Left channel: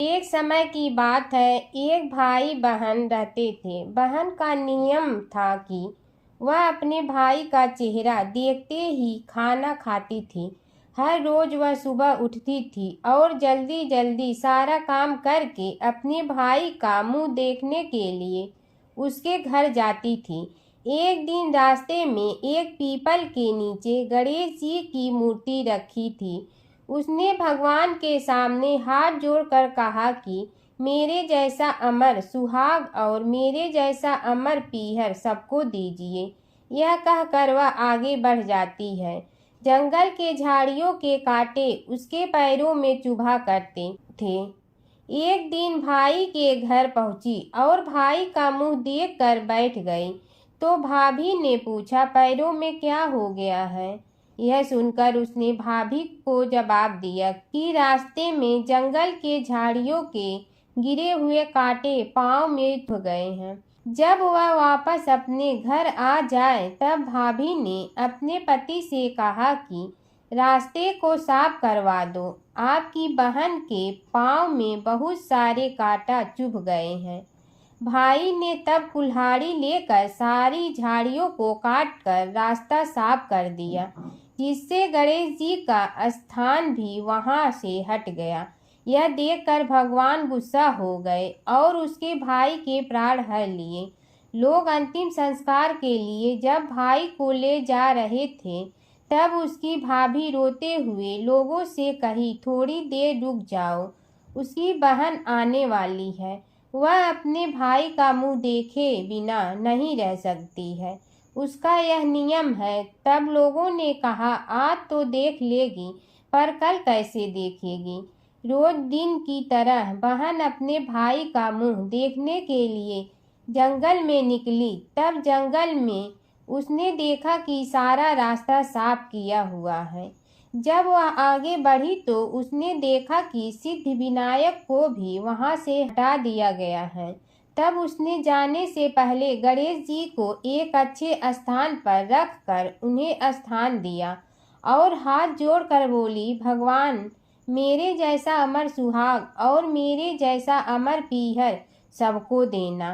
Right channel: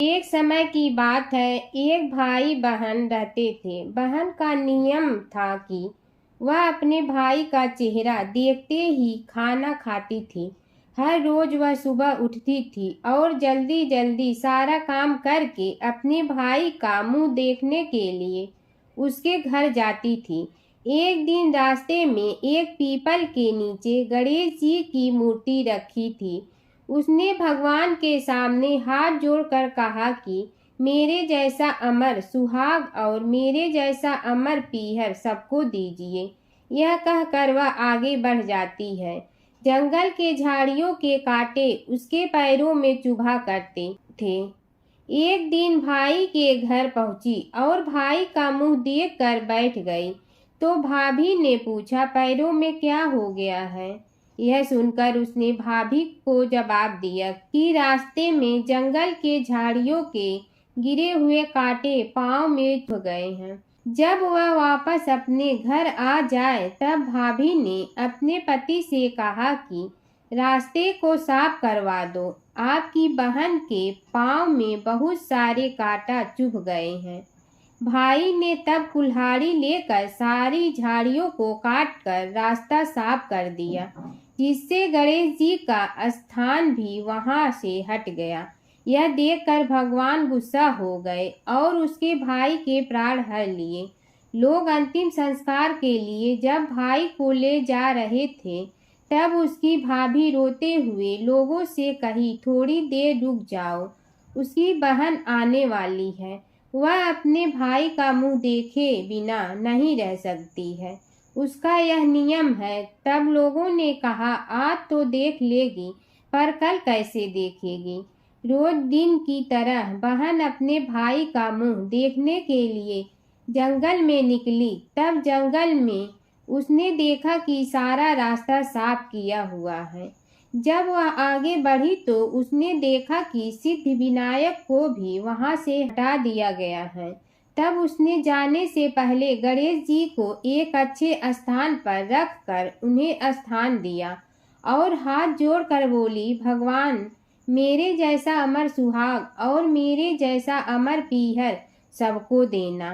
एक समय की बात है, एक भाई बहन रहते थे। बहन का नियम था कि वह अपने भाई का चेहरा देखते ही खाना खाती थी। हर रोज वह सुबह उठती थी और जल्दी जल्दी सारा काम करके अपने भाई का मुंह देखने के लिए उसके घर जाती थी। एक दिन रास्ते में एक पीपल के नीचे गणेश जी की मूर्ति रखी थी। उसने भगवान के सामने हाथ जोड़कर कहा कि मेरे जैसा अमर सुहाग और मेरे जैसा अमर पीहर सबको दीजिए। यह कहकर वह आगे बढ़ जाती है। जंगल के झाड़ियों के कांटे उसके पैरों में चुभा करते थे। एक दिन भाई के घर पहुंची और भाई का मुंह देखकर बैठ गई। तो भाभी ने पूछा, पैरों में क्या हो गया है? यह सुनकर उसने भाभी को जवाब दिया कि रास्ते में जंगल के झाड़ियों के गिरे हुए कांटे पांव में चुभ गए हैं। जब वह वापस अपने घर आ जाए तब भाभी ने अपने पति से कहा कि रास्ते को साफ करवा दो, आपकी बहन के पांव में बहुत सारे कांटा चुभ गए हैं। भाई ने तब कुल्हाड़ी लेकर सारी झाड़ियों को काटकर रास्ता साफ कर दिया, जिससे गणेश जी का स्थान भी वहां से हट गया। यह देखकर भगवान गुस्सा हो गए और उसके भाई के प्राण हर लिए। लोग अंतिम संस्कार के लिए जब भाई को ले जा रहे थे तब उसकी भाभी रोते हुए लोगों से कही, थोड़ी देर रुक जाओ, उसकी बहन आने वाली है। वह अपने भाई का मुंह देखे बिना नहीं रह सकती है, उसका यह नियम है। तब लोगों ने कहा, आज तो देख लेगी पर कल कैसे देखेगी? रोज दिन की तरह बहन अपने भाई का मुंह देखने के लिए जंगल में निकली। तब जंगल में उसने देखा कि सारा रास्ता साफ किया हुआ है। जब वह आगे बढ़ी तो उसने देखा कि सिद्धि विनायक को भी वहां से हटा दिया गया है। तब उसने जाने से पहले गणेश जी को एक अच्छे स्थान पर रखकर उन्हें स्थान दिया और हाथ जोड़कर बोली, भगवान मेरे जैसा अमर सुहाग और मेरे जैसा अमर पीहर सबको देना।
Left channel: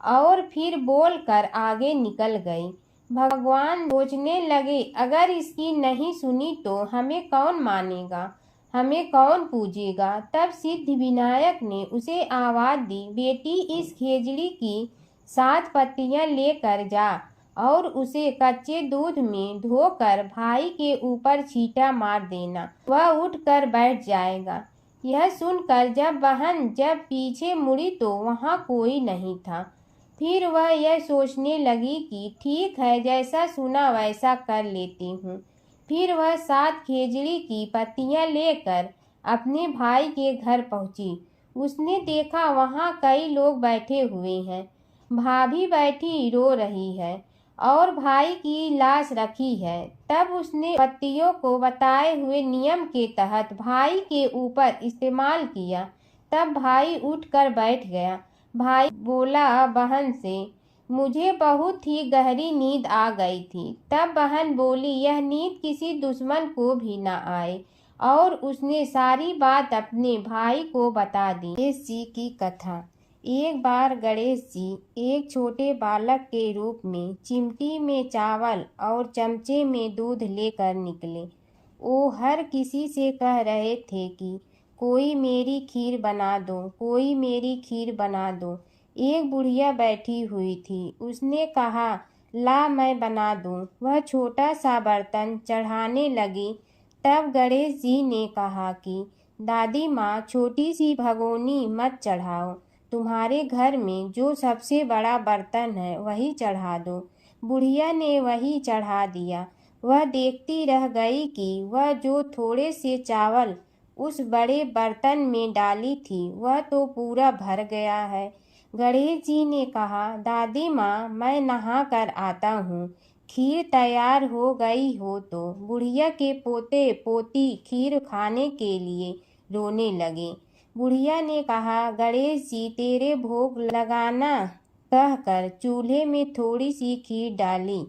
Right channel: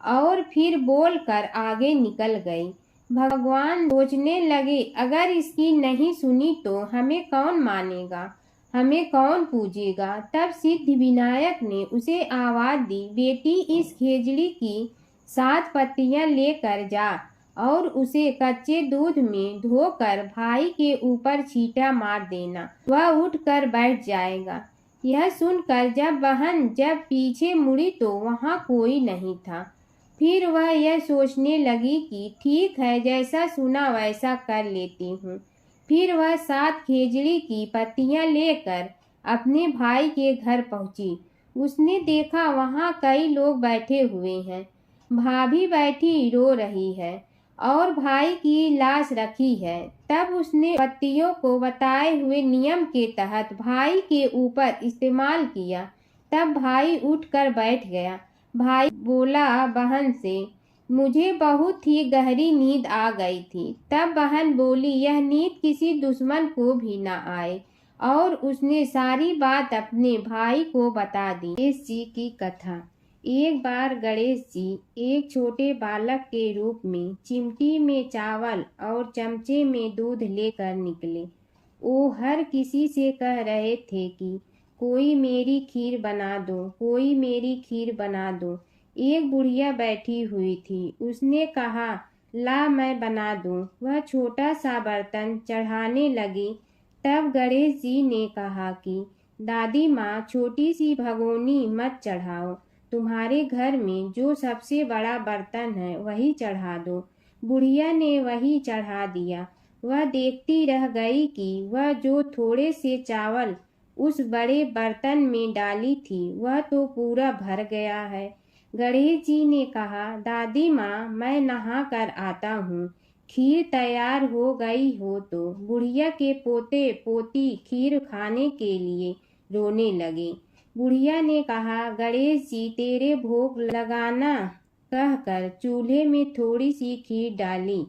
और फिर बोलकर आगे निकल गई। भगवान सोचने लगे, अगर इसकी नहीं सुनी तो हमें कौन मानेगा, हमें कौन पूजेगा? तब सिद्धि विनायक ने उसे आवाज दी, बेटी इस खेजड़ी की 7 पत्तियां लेकर जा और उसे कच्चे दूध में धोकर भाई के ऊपर छींटा मार देना, वह उठकर बैठ जाएगा। यह सुनकर जब पीछे मुड़ी तो वहां कोई नहीं था। फिर वह यह सोचने लगी कि ठीक है, जैसा सुना वैसा कर लेती हूँ। फिर वह 7 खेजड़ी की पत्तियां लेकर अपने भाई के घर पहुंची। उसने देखा वहां कई लोग बैठे हुए हैं। भाभी बैठी रो रही है और भाई की लाश रखी है। तब उसने पत्तियों को बताए हुए नियम के तहत भाई के ऊपर इस्तेमाल किया। तब भाई उठकर बैठ गया। भाई बोला बहन से, मुझे बहुत ही गहरी नींद आ गई थी। तब बहन बोली, यह नींद किसी दुश्मन को भी न आए। और उसने सारी बात अपने भाई को बता दी। गणेश जी की कथा। एक बार गणेश जी एक छोटे बालक के रूप में चिमटी में चावल और चमचे में दूध लेकर निकले। वो हर किसी से कह रहे थे कि कोई मेरी खीर बना दो, कोई मेरी खीर बना दो। एक बुढ़िया बैठी हुई थी। उसने कहा, ला मैं बना दूं। वह छोटा सा बर्तन चढ़ाने लगी। तब गणेश जी ने कहा कि दादी माँ, छोटी सी भगोनी मत चढ़ाओ, तुम्हारे घर में जो सबसे बड़ा बर्तन है वही चढ़ा दो। बुढ़िया ने वही चढ़ा दिया। वह देखती रह गई कि वह जो थोड़े से चावल उस बड़े बर्तन में डाली थी वह तो पूरा भर गया है। गणेश जी ने कहा, दादी माँ, मैं नहा कर आता हूँ, खीर तैयार हो गई हो तो। बुढ़िया के पोते पोती खीर खाने के लिए रोने लगे। बुढ़िया ने कहा, गणेश जी तेरे भोग लगाना कहकर चूल्हे में थोड़ी सी खीर डाली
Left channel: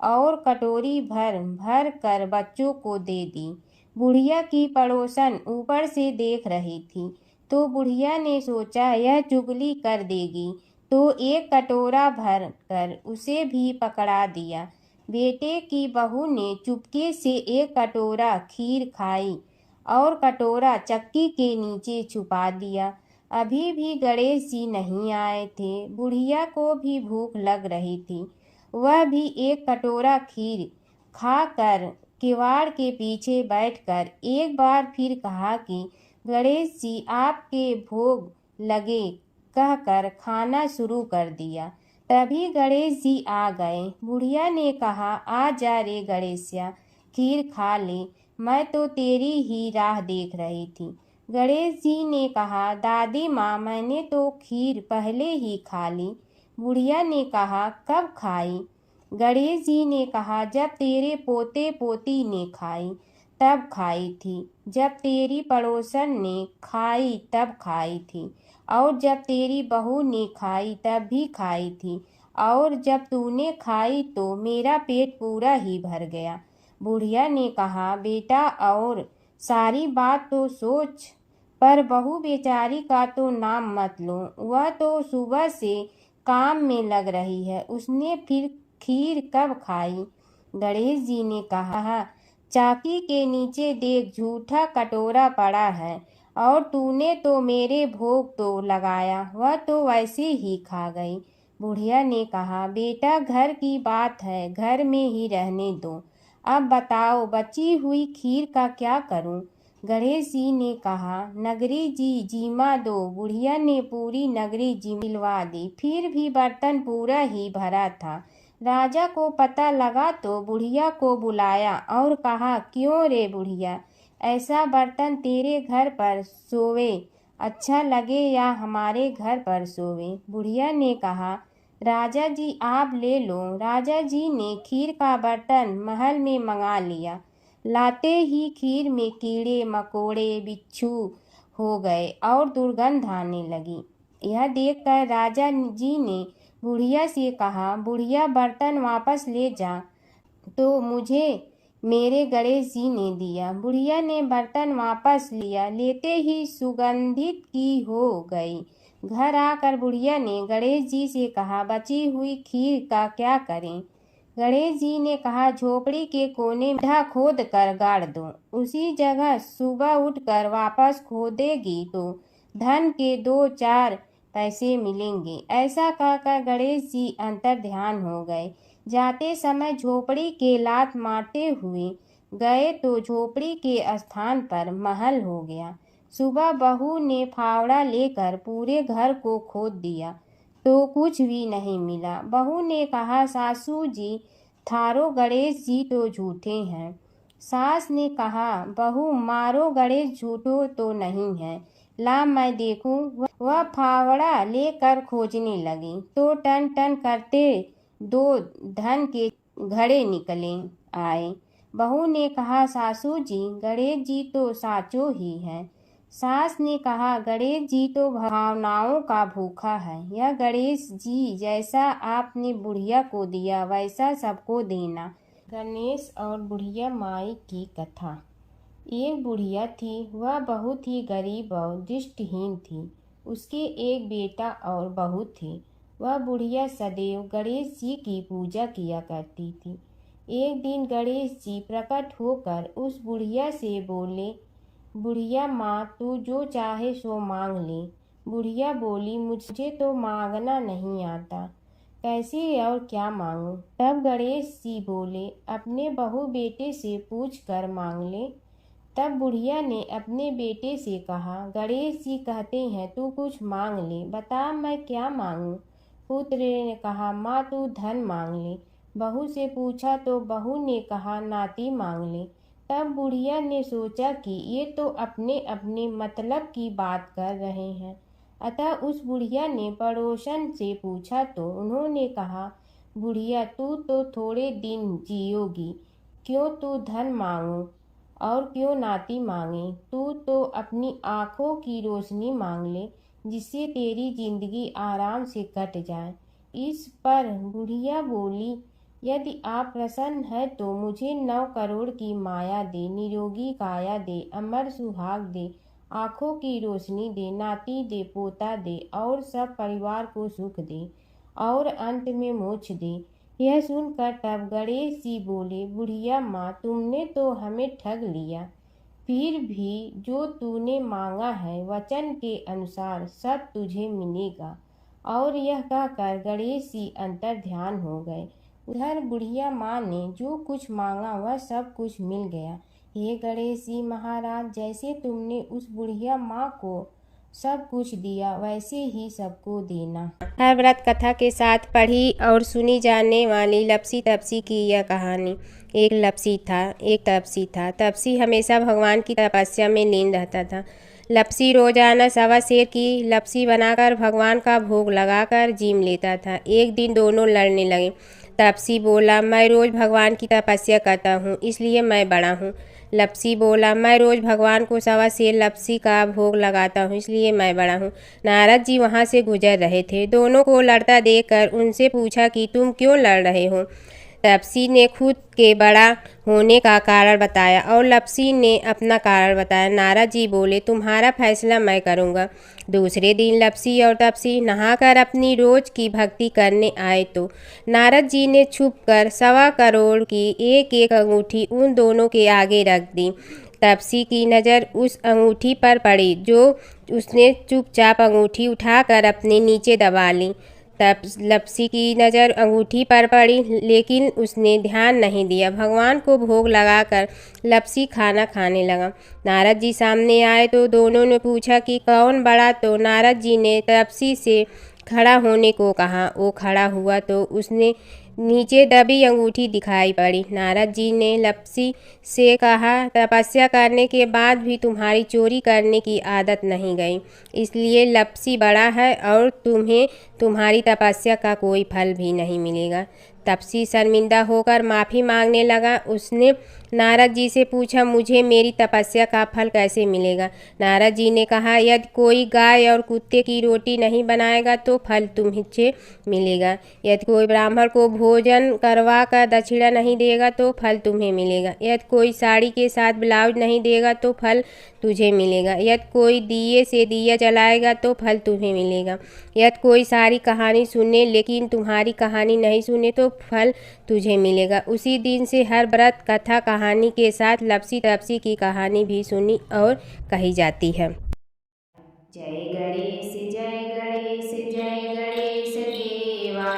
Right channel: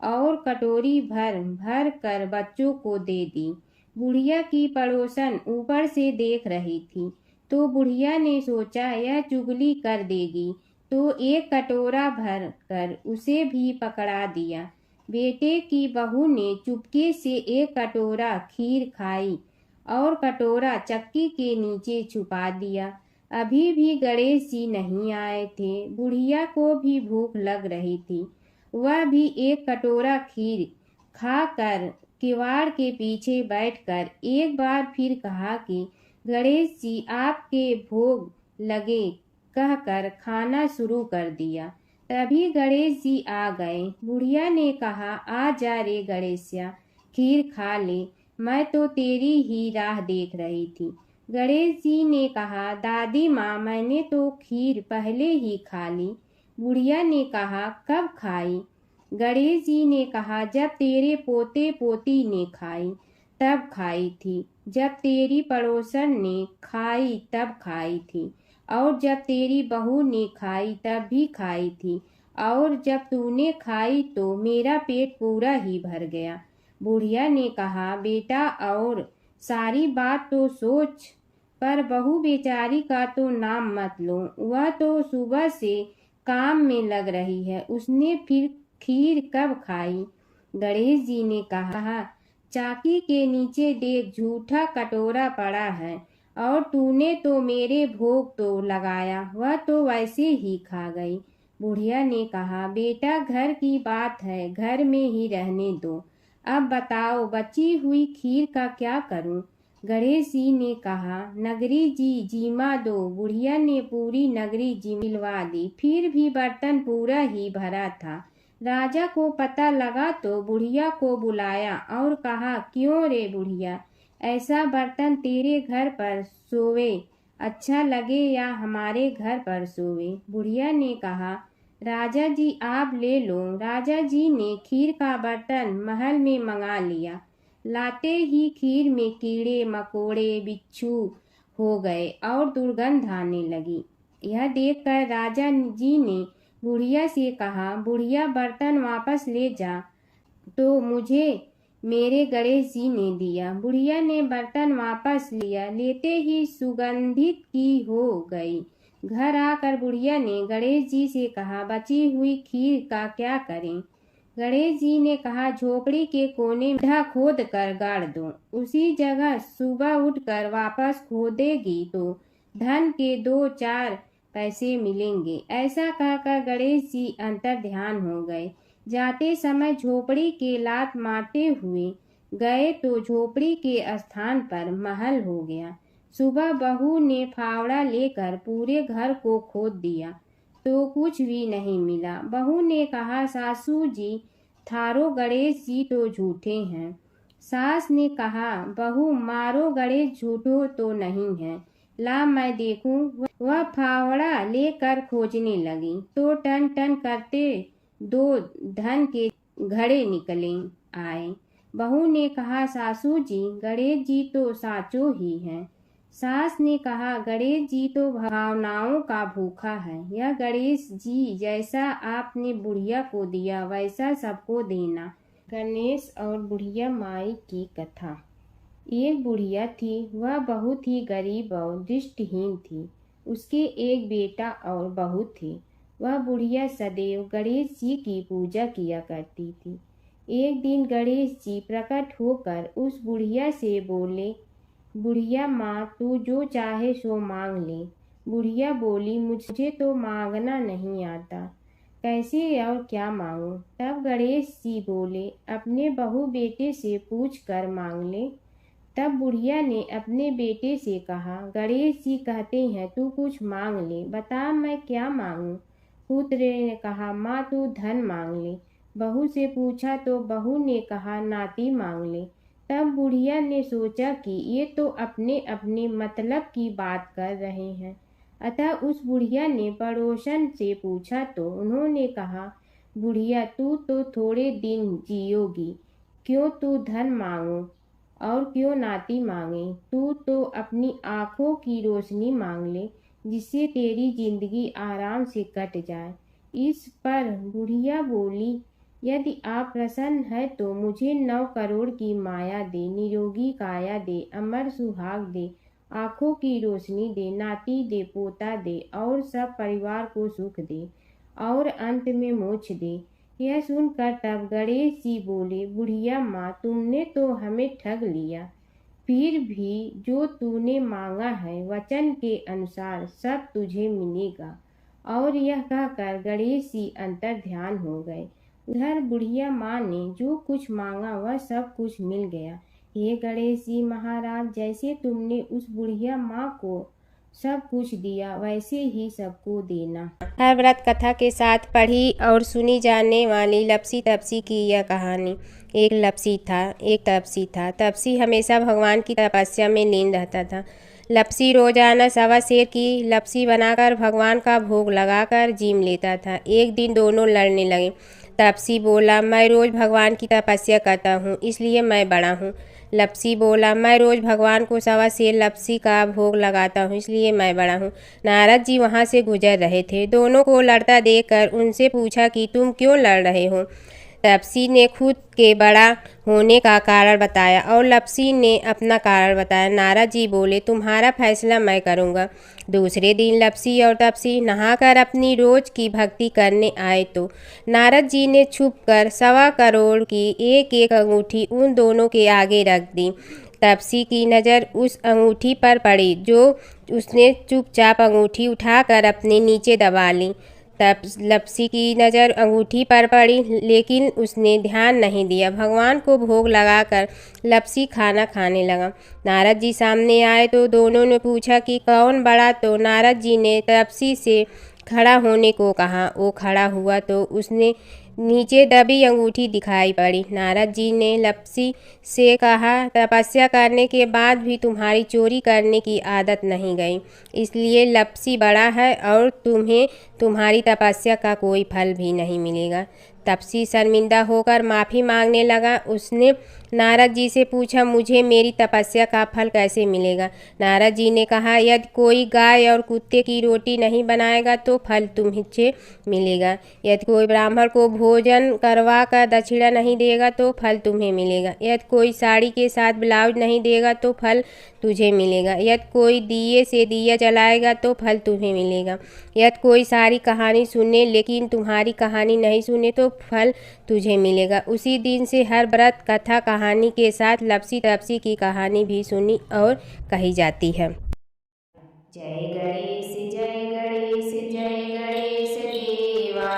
और कटोरी भर भर कर बच्चों को दे दी। बुढ़िया की पड़ोसन ऊपर से देख रही थी तो बुढ़िया ने सोचा यह चुगली कर देगी, तो एक कटोरा भर कर उसे भी पकड़ा दिया। बेटे की बहू ने चुपके से एक कटोरा खीर खाई और कटोरा चक्की के नीचे छुपा दिया। अभी भी गणेश जी नहीं आए थे। बुढ़िया को भी भूख लग रही थी। वह भी एक कटोरा खीर खाकर किवाड़ के पीछे बैठकर एक बार फिर कहा कि गणेश जी आपके भोग लगे कहकर खाना शुरू कर दिया। तभी गणेश जी आ गए। बुढ़िया ने कहा, आ जा रे गणेशिया, खीर खा ले, मैं तो तेरी ही राह देख रही थी। गणेश जी ने कहा, दादी माँ मैंने तो खीर पहले ही खा ली। बुढ़िया ने कहा, कब खाई? गणेश जी ने कहा, जब तेरे पोते पोती ने खाई तब खाई थी, जब तेरी पड़ोसन ने खाई तब खाई थी, और जब तेरी बहू ने खाई तब भी खाई थी, और जब तूने खाई तो मेरा पेट पूरा ही भर गया। बुढ़िया ने कहा, बेटा और सारी बात तो सोच, पर बहू बेचारी का तो नाम मत लो। वह तो सुबह से काम में लग रही है, उसने फिर खीर कब खाई? गणेश जी ने कहा, चाकी के नीचे देख झूठा कटोरा पड़ा है, और तूने तो मेरे भोग तो लगाया, वह तो वैसे ही खा गई। बुढ़िया ने कहा, बेटा घर की बात है, घर में ही रहने दो। अब बताओ बची हुई खीर का क्या करूं? गणेश जी ने कहा, नगरी जी जीमा दो। बुढ़िया ने पूरी नगरी जिलवा दी, फिर भी बर्तन पूरा ही भरा था। राजा को पता लगा तो बुढ़िया को बुलाया और कहा, क्यों रे बुढ़िया, ऐसा बर्तन तेरे घर पर सोवे अच्छा लगे या हमारे घर पर सोवे? बुढ़िया ने कहा, राजा जी आप ले लो। राजा जी ने खीर का बर्तन महल में मंगा लिया। लाते ही खीर में कीड़े मकोड़े बिच्छू हो गए और दुर्गंध आने लगी। यह देखकर राजा जी ने बुढ़िया से कहा, बुढ़िया बर्तन वापस ले जा, तो मुझे मेरे गणेश जी ने दिया। बुढ़िया ने बर्तन वापस लिया, लेते ही सुगंधित की हो गई। घर आकर बुढ़िया ने गणेश जी से कहा, बची हुई खीर का क्या करें? गणेश जी ने कहा, झोपड़ी के कोने में गड्ढा खोद कर गाड़ दो, उसी जगह सुबह उठकर वापस खोदेगी तो धन के 2-4 पैसे मिलेंगे। ऐसा कहकर गणेश जी अंतर ध्यान हो गए। जाते समय झोपड़ी के लात मारते हुए गए तो झोपड़ी के स्थान पर महल हो गया। सुबह बहू ने फावड़ा लेकर पूरे घर को खोद दिया तो कुछ भी नहीं मिला। बहू ने कहा, सासू जी थारो गणेश जी तो झूठे हैं। सास ने कहा, बहू मारो गणेश झूठो तो नहीं है, ला मैं देखूं। वह फावड़ा लेकर खोजने लगी तो टन टन करते 2 धन के घड़े निकले आए। बहू ने कहा, सासू जी गणेश जी तो साचो ही हैं। सास ने कहा, गणेश जी तो भावनाओं का भूखा है। यह गणेश जी जैसा आपने बुढ़िया को दिया वैसा सबको देना। गणेश और बुढ़िया माई की कथा। एक बुढ़िया थी, वह बहुत ही गरीब और दृष्टिहीन थी। उसके एक बेटा और बहू थे। वह बुढ़िया सदैव गणेश जी की पूजा किया करती थी। एक दिन गणेश जी प्रकट होकर उस बुढ़िया से बोले, बुढ़िया माँ तू जो चाहे सो मांग ले। बुढ़िया बोली, मुझे तो मांगना नहीं आता, कैसे और क्या मांगूं? तब गणेश जी बोले, अपने बहू बेटे से पूछ कर मांग ले। तब बुढ़िया ने अपने बेटे से कहा, गणेश जी कहते हैं तू कुछ मांग ले, बता मैं क्या मांगूं? पुत्र ने कहा, माँ तू धन मांग ले। बहू से पूछा तो बहू ने कहा, नाती मांग ले। तब बुढ़िया ने सोचा कि ये तो अपने अपने मतलब की बात कर रहे हैं। अतः उस बुढ़िया ने पड़ोसन से पूछा तो उन्होंने कहा, बुढ़िया तू तो थोड़े दिन जियोगी, क्यों तू धन मांगो और क्यों नाती मांगे? तू तो अपनी आँखों की रोशनी मांग ले, जिससे तेरी जिंदगी आराम से कट जाए। इस पर बुढ़िया बोली, यदि आप प्रसन्न है तो मुझे 9 करोड़ की माया दे, निरोगी काया दे, अमर सुहाग दे आँखों की रोशनी दे, नाती दे, पोता दे और सब परिवार को सुख दे और अंत में मोक्ष दे। यह सुनकर तब गणेश जी बोले, बुढ़िया माँ, तुमने तो हमें ठग लिया। फिर भी जो तूने मांगा है वचन के अनुसार सब तुझे मिलेगा। और यह कहकर गणेश जी अंतर ध्यान हो गए। उधर बुढ़िया माँ ने जो कुछ मांगा वह सब कुछ मिल गया। हे गणेश जी महाराज, जैसे तुमने उस बुढ़िया माँ को सब कुछ दिया वैसे ही सबको देना। हर व्रत कथा के साथ पढ़ी और सुनी जाने वाली लपसी तपसी की यह कहानी। एक लपसी था, एक तपसी था। तपसी हमेशा भगवान की तपस्या में लीन रहता था। लपसी रोजाना सवा सेर की लपसी बनाकर भगवान का भोग लगाकर जीम लेता था। एक दिन दोनों लड़ने लगे। तपसी बोला, मैं रोज भगवान की तपस्या करता हूँ इसलिए मैं बड़ा हूँ। लपसी बोला, मैं रोज भगवान को सवा सेर लपसी का भोग लगाता हूँ इसलिए मैं बड़ा हूँ। नारद जी वहाँ से गुजर रहे थे। दोनों को लड़ता देखकर उनसे पूछा कि तुम क्यों लड़ रहे हो। तपसी ने खुद के बड़ा होने का कारण बताया और लपसी ने अपना कारण बताया। नारद जी बोले, तुम्हारा फैसला मैं करूँगा। दूसरे दिन लपसी और तपसी नहाकर अपनी रोज की भक्ति करने आए तो नारद जी ने छुपकर 1.25 करोड़ की एक एक अंगूठी उन दोनों के आगे रख दी। तपसी की नज़र उस अंगूठी पर पड़ी जो उसने चुपचाप अंगूठी उठाकर अपने नीचे दबा ली। तब लपसी की नज़र अंगूठी पर पड़ी लेकिन उसने ध्यान नहीं दिया। भगवान को भोग लगाकर लपसी खाना खाने लगा। नारद जी सामने आए तो दोनों ने पूछा कि कौन बड़ा, तो नारद जी ने तपसी से खड़ा होने को कहा। वो खड़ा हुआ तो उसने नीचे दबी अंगूठी दिखाई पड़ी। नारद जी ने लपसी से कहा, तपस्या करने के बाद भी तुम्हारी चोरी करने की आदत नहीं गई, इसलिए लपसी बड़ा है और तुम्हें तुम्हारी तपस्या का कोई फल भी नहीं मिलेगा। तपसी शर्मिंदा होकर माफ़ी मांगने लगा। उसने नारद जी से पूछा, मुझे मेरी तपस्या का फल कैसे मिलेगा। नारद जी ने कहा, यदि कोई गाय और कुत्ते की रोटी नहीं बनाएगा तो फल तुम्हें मिलेगा। यदि कोई ब्राह्मण को भोजन करवा कर दक्षिणा नहीं देगा तो फल तुम्हें मिलेगा। यदि कोई साड़ी के साथ ब्लाउज नहीं देगा तो फल तुझे मिलेगा। यदि कोई दिए से दिया जलाएगा तो फल तुम्हें मिलेगा। यदि कोई सारी कहानी सुने लेकिन तुम्हारी कहानी नहीं सुने तो फल तुझे मिलेगा। उसी दिन से हर व्रत कथा कहानी के साथ लपसी तपसी की कहानी भी सुनी और कही जाती है। जय गणेश जय गणेश जय गणेश देवा,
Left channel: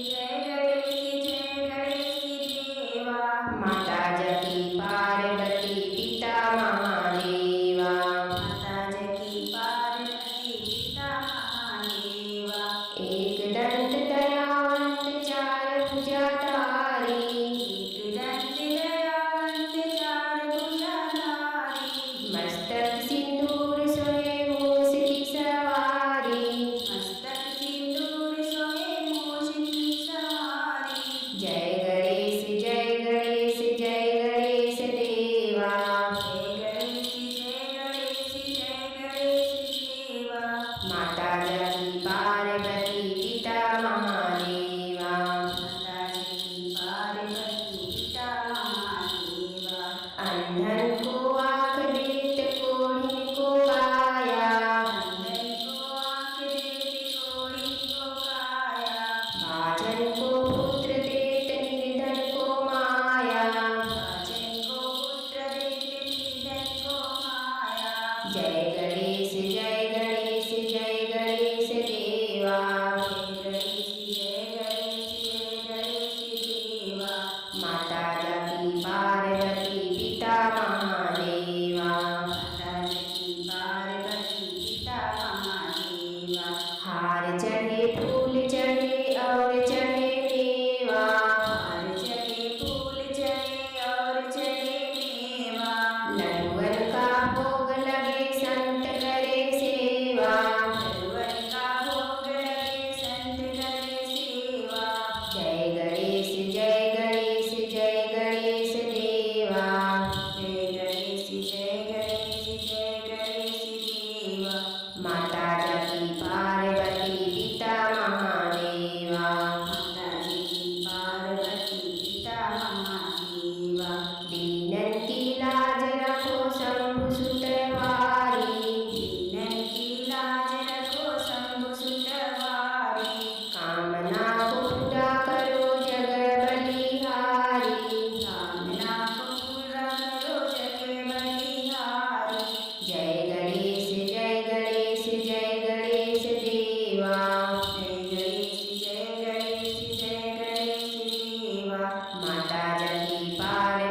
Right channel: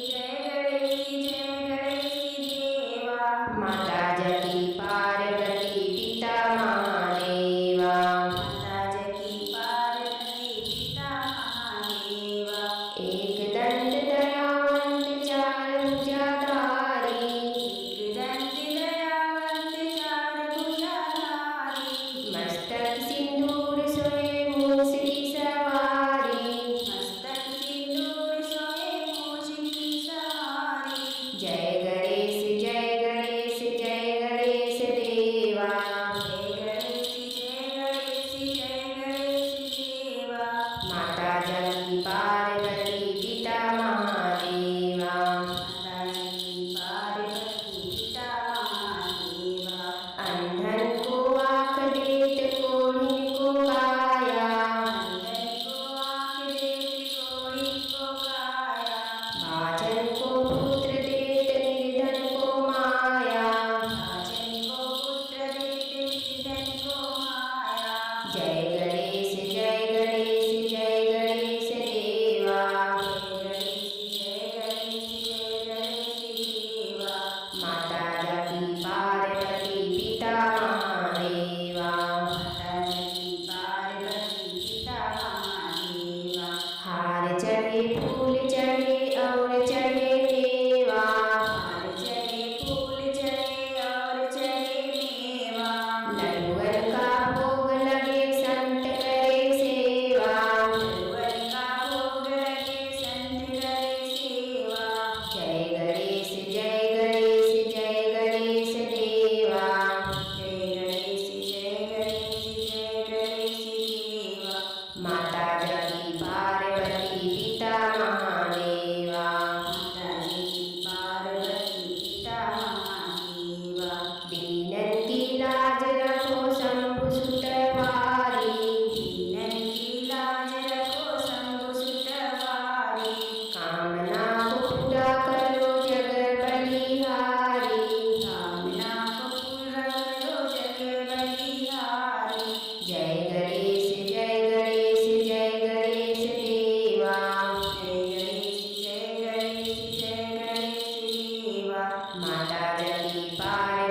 जय गणेश जय गणेश देवा। माता जकी पार्वती पिता महादेवा, माता जकी पार्वती पिता महादेवा। एक दंत दयावंत चार भुजाधारी, एक दंत दयावंत चार भुजाधारी। मस्तक सिंदूर सोहे मूस की सवारी, मस्तक सिंदूर सोहे मूस की सवारी। जय गणेश जय गणेश जय गणेश देवा, जय गणेश जय गणेश जय गणेश देवा। माता जकी पार्वती पिता महादेवा, माता जकी पार्वती पिता महादेवा। अंधन को आँख देत कोढ़िन को काया, अंधन को आँख देत कोढ़िन को काया। भाजन को पुत्र देत निर्धन को माया, भाजन को पुत्र देत निर्धन को माया। जय गणेश जय गणेश जय गणेश देवा, जय गणेश जय गणेश जय गणेश देवा। माता जकी पार्वती पिता महादेवा, माता जकी पार्वती पिता महादेवा। हार चढ़े फूल चढ़े और चढ़े मेवा, हार चढ़े फूल चढ़े और चढ़े मेवा। लड्डुअन का भोग लगे संत करे सेवा, लड्डुअन का भोग लगे संत करे सेवा। जय गणेश जय गणेश जय गणेश देवा, जय गणेश जय गणेश जय गणेश देवा। माता जकी पार्वती पिता महादेवा, माता जकी पार्वती पिता महादेवा। दीनन की लाज रखो शंभु सुत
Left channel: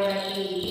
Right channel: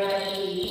भगवती